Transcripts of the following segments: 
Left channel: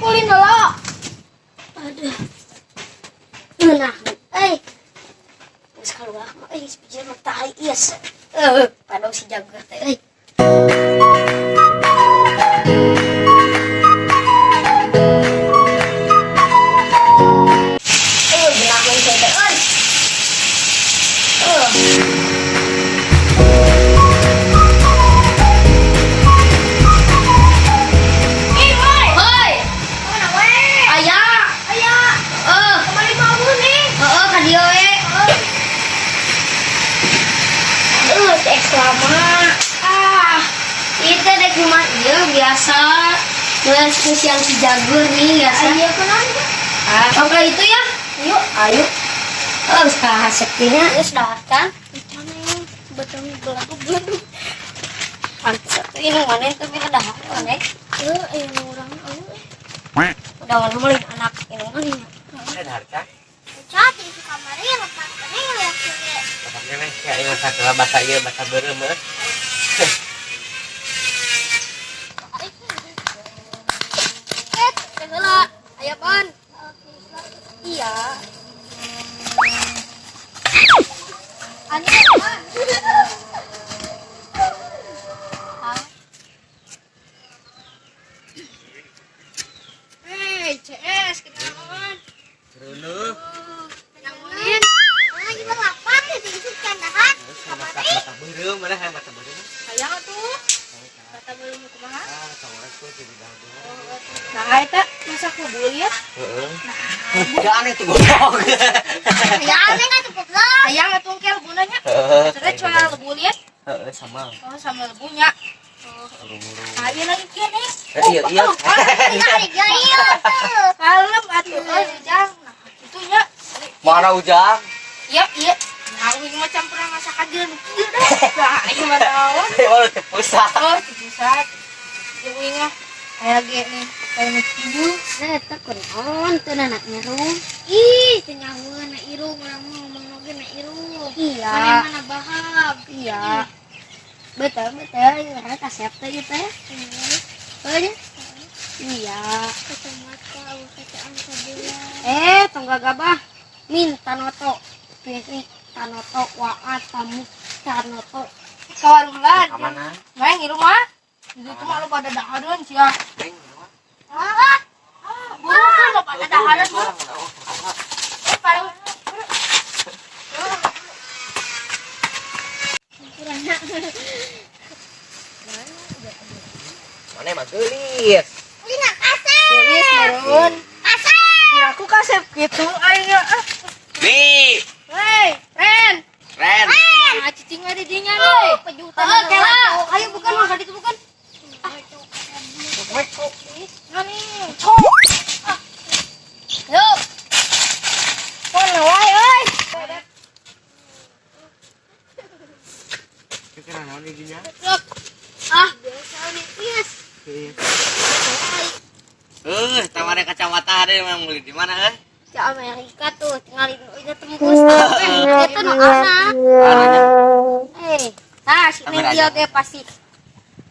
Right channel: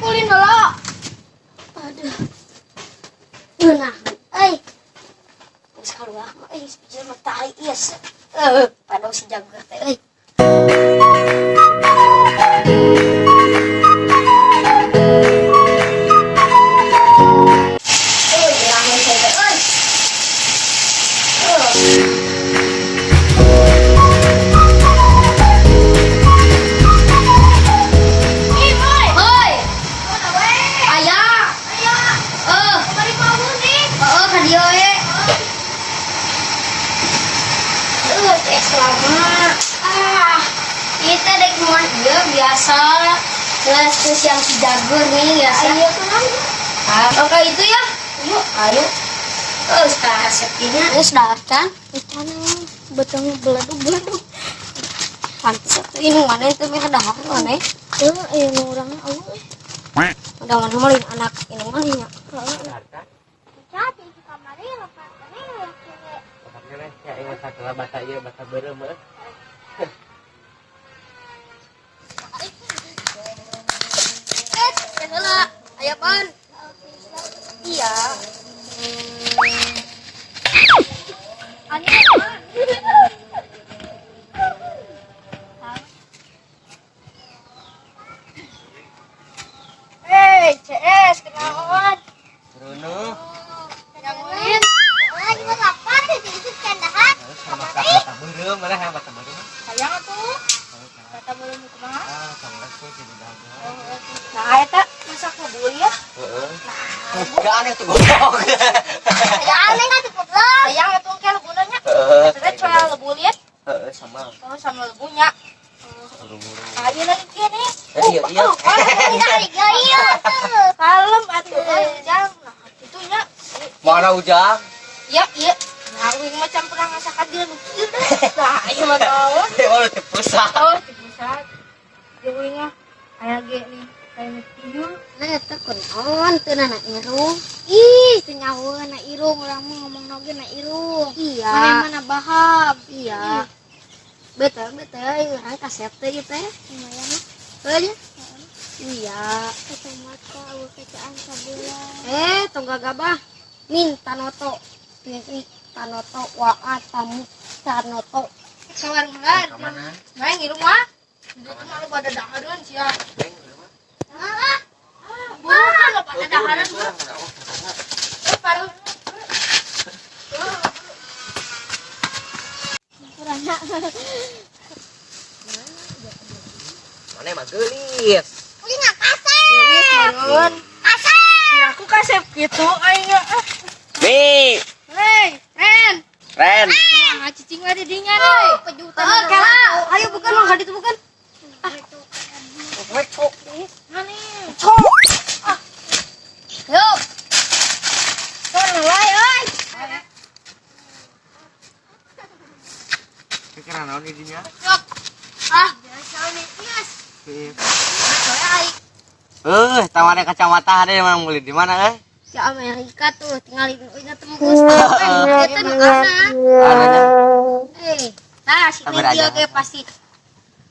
kulin dulu. Aduh. Nah, sekarang sepijan mah tai ias. Padahal si jago teh. Kita dek rumah dia biasa kelas yang si jagur nih biasa. Ayo oke itu ya. Yuk, ayo. Oh, sudah sekinya. Sudah kan? Itu nih betulnya beladu. Pantes ini mana itu mah dah mana? Ini orangnya udah mana malin anak ini mana? Chat di kamarnya lepas ini ya. Makanya nih kayak yang salah bahasa ieu bahasa beureum meuh. Ayo pan. Iya. Aneh pan. Hei, CS kenalan. Bruno. Yang lain. Juga lapar di sini kandahan. Bahasa beureum mana yang bahasa beureum? Sayang atuh. Kata beureum kumaha? Assalamualaikum jadi dagang. Nah, eta masak bubul ya. Heeh. Enggak aneh tuh goblok. Ya aneh kan cukup lah. Sayang atuh ke lebulanya. Terus coya lebul ya. Heeh, sama. Oh, sama lebunya. Urung-urung. Nah, iya lagi kene. Iya. Iya. Kalem atuh jang. Nah, itunya. Mana ujang? Iya. Nah, ini macam pernah masakan dia nukil deh. Nah, ini mah tahu. Oh, tepusat. Oh, tepusat. Ibunya kayak nih. Kayak nukil. Nah, eta kunaon teu anak irung. Ih, teu nyawa anak irung urang mah ngomong noge anak irung. Iya. Mana bahab. Iya. Betul, kasep teh ieu teh. Lumayan. Heuh. Iya. Kacamata awu kacaan sabila. Tunggal gabah. Minta noto. Tanoto waat tamu tanoto kawan lah Mana? main di rumah itu cuma lu pada dahareun sia mana bukan lu pada dahareun baru kurang Mana mah geulis. Lina kasep geulis merun kasep aku kasep gitu ayo Nih. Hei, Ren. Nah, cicing ada dingan euy. Pejutan. Ayo bukan mah itu bukan. Cok. Ngani. Cok. Yuk. Mana wae euy. Kira naon di dinya? Cok. Biasa nih, Yes. Tawarnya kacamata ada yang beli di mana Ke Amerika tuh, tinggalin udah tembus itu nu anak. Nah, si Neng dia ge pasti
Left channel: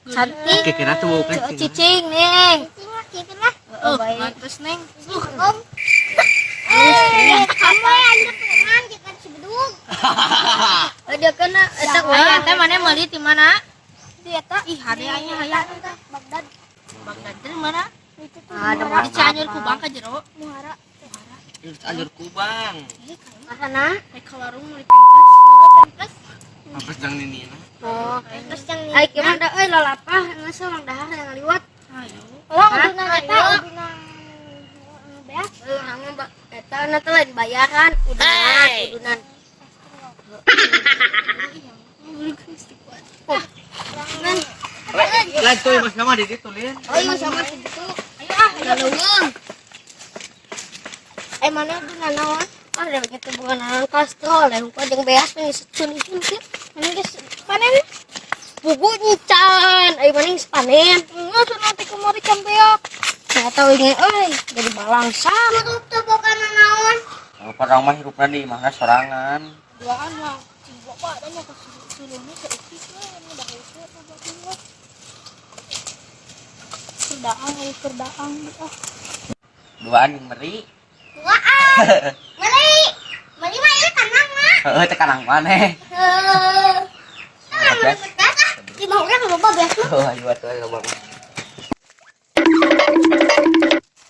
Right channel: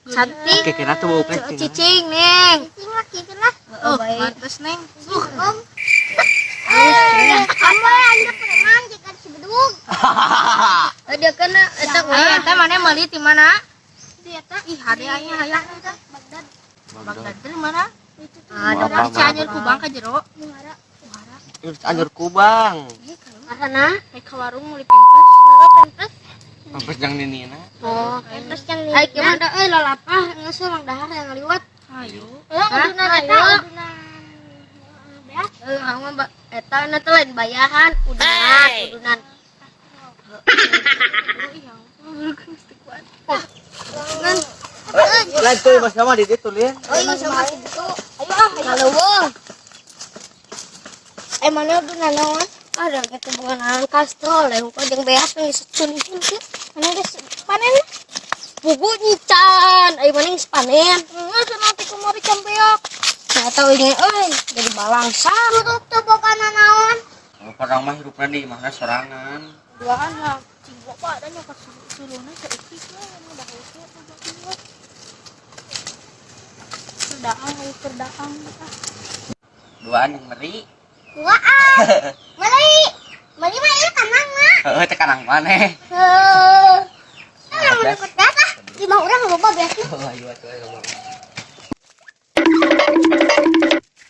cantik. Kira tuh Cicing, Neng. Cicing lah. Oh, mantes, Neng. Om. Kamu anda preman jangan si bedug. Dia kena eta eta mana meuli di mana? Di eta ih hadiahnya hayang eta Bagdad. Bagdad di mana? Ada di Cianjur Kubang ka jero. Muara. Anjur kubang. Karena ke warung meuli pempes. Pempes yang nina. Oh, pempes yang nina. Ai gimana euy lalapah geus mang dahar yang liwat. Hayu. Uduna eta uduna beas. Hangma eta na teh lain bayaran, udunan. Lain tuh Mas Kama di ditu lian. Mas Kama di ditu. Ayo kaleuweung. Mana udah naon? Ada gitu bukan naon kastrol, yang kau jeung beas nih secun sih. Mana geus panen? Bubu nyican, ayo mana geus panen? Geus nanti kemari can beak. Saya tahu ini, jadi balangsam. Tutup tuh bukan naon? Padang mah hirupna di mana sorangan. Duaan lah, cinggo pak dan ka suluna saeutik we anu dah hese buat tinggal. Kerdaang. duaan meri. Dua ah. Meli. Meli mah ieu kanang mah. Heeh teh kanang maneh. Nah, ikut datah. 5 orang loba beas mah. Oh ayo atuh ayo bang.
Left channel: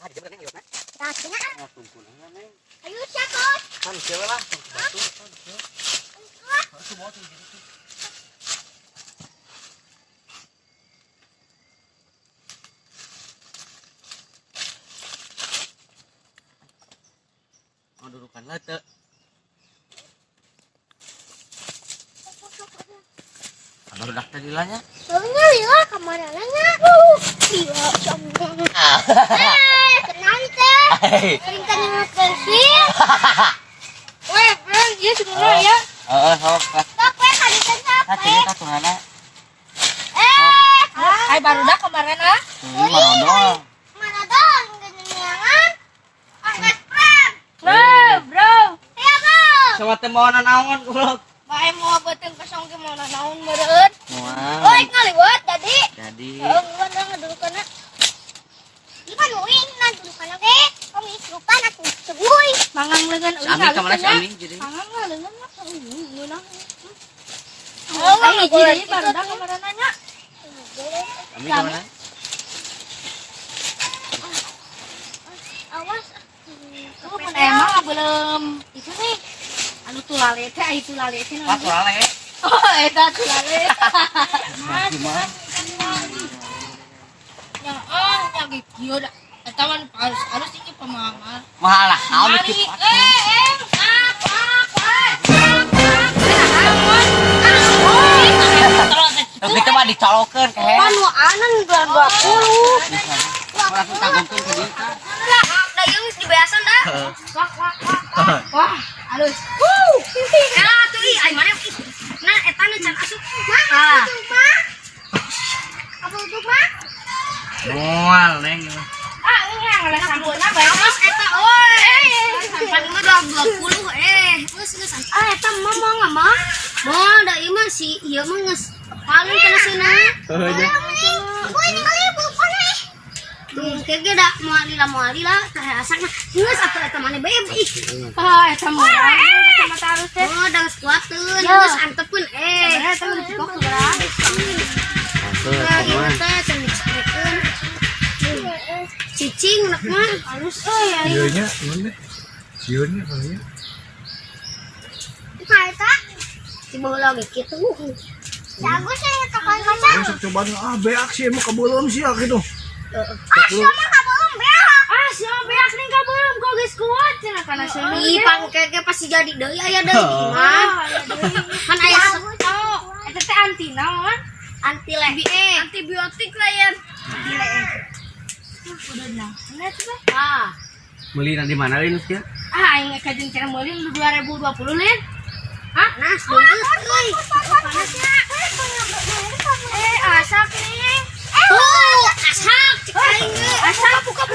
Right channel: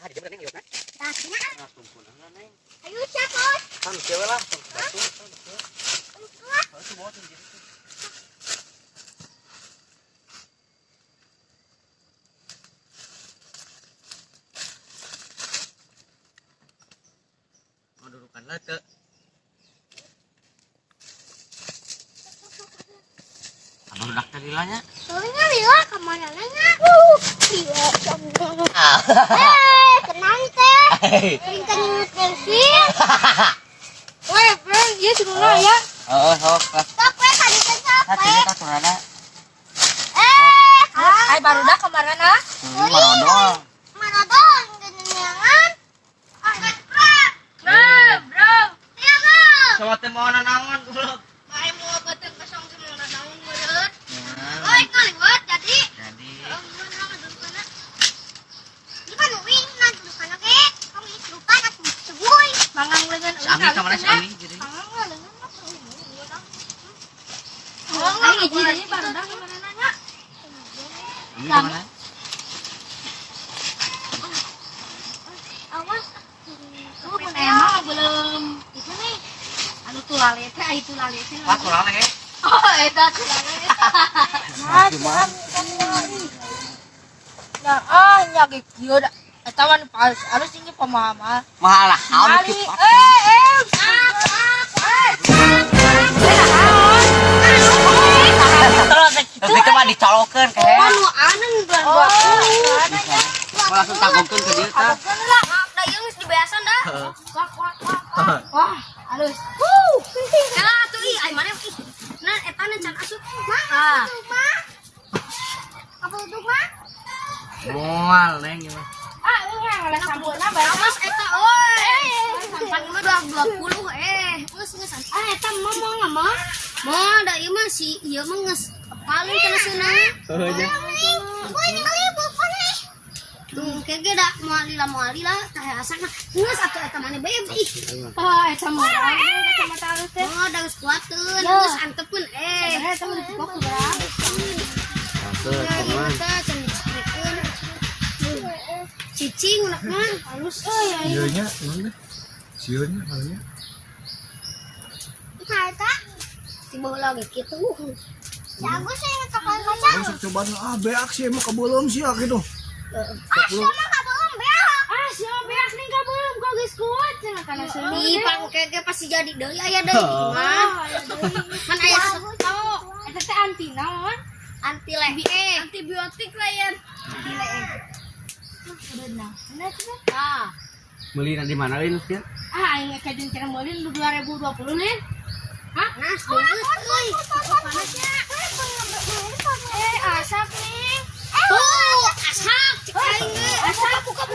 Ah di mana nih? Tah cenah. Ah tungkunan neng. Ayo catot. Kan cewek lah batu. Batu mau tuh jadi tuh. Mau dudukan lah teh. Abang udah tadi lah nya. Soalnya lila kemana nanya? Lila sombong. Tenang teh. Kenceng pensil. Weh, bro, dia semua ya. Sok lah. Sok weh tadi teh sok. Sini tak tunana. Ai baru dah kemarin ah. Marodol. Mana dong genengan? Angkat pram. Nah, bro. Ya, bro. Sama teh mau nanaon goblok. Bae mau beuteung kosong ge mau nanaon meureun. Moal. Oi, ngaliwat tadi. Jadi Heeh, ngaliwat dong ngedulukana. Di pan uing na dulukana ge. Kami lupan atuh cebuy. Mangang leungeun uing. Ami ka mana si Ami jadi. Mangang leungeun mah ngeunah. Oh, nggak boleh baru dah kemarin nanya. Ami ka mana? Awas. Emang belum itu nih. Anu tulale teh, itu lale teh. Pak lale. Oh, eta tulale. Cuma Nah, ah, nyagi kieu da. Eta mah harus tinggi pemahaman. mahal lah, kau Mali, cepat. Kita mah dicolokeun ke head. Anu anan 20. Langsung tangguhkeun ke dieu tah. Da ieu geus dibeasan dah. Wah, halus. Ya, tuh ih, ai mane. Nah, eta nih can asup. Ah. Apa untuk mah? Moal neng. Ah, ini yang oleh sampurna bae. Awas eta euy. Sampan mah 20 geus ah eta mah mau mah. Moal da ieu mah si ieu mah geus paling kana seunah. Woi, ningali bupana. Tuh kege da moal lila teh asakna. Geus atuh eta mane bae ih. Ah, eta mah. Eta mah tarus teh. Oh, da geus kuateun, geus antepkeun Eta mah dipok seberang. Nah, ieu teh cenah dicekeun. Cicing unak mah halus euy. Sionya mana? Sionya palingnya. Eta si baheula ge kitu. Jago saya tekan kaca. Besok coba beak sih emang kebelum sih gitu. Siapa kabelum beak? Siapa beak nih kabelum kok geus kuat cenah kana seuni. Ih, pangkege pasti jadi deui aya deui mah. Kan aya setok. Eta teh anti naon? Anti antibiotik layan. Anti layan. Udah nah. Nah, coba. Ah. Beli di mana Lin ya? Aing kajeng cara meuli 2020 Lin. Hah? Nas geus euy. Panasnya. Asak nih. Oh, asak. Cek aing. Asak buka.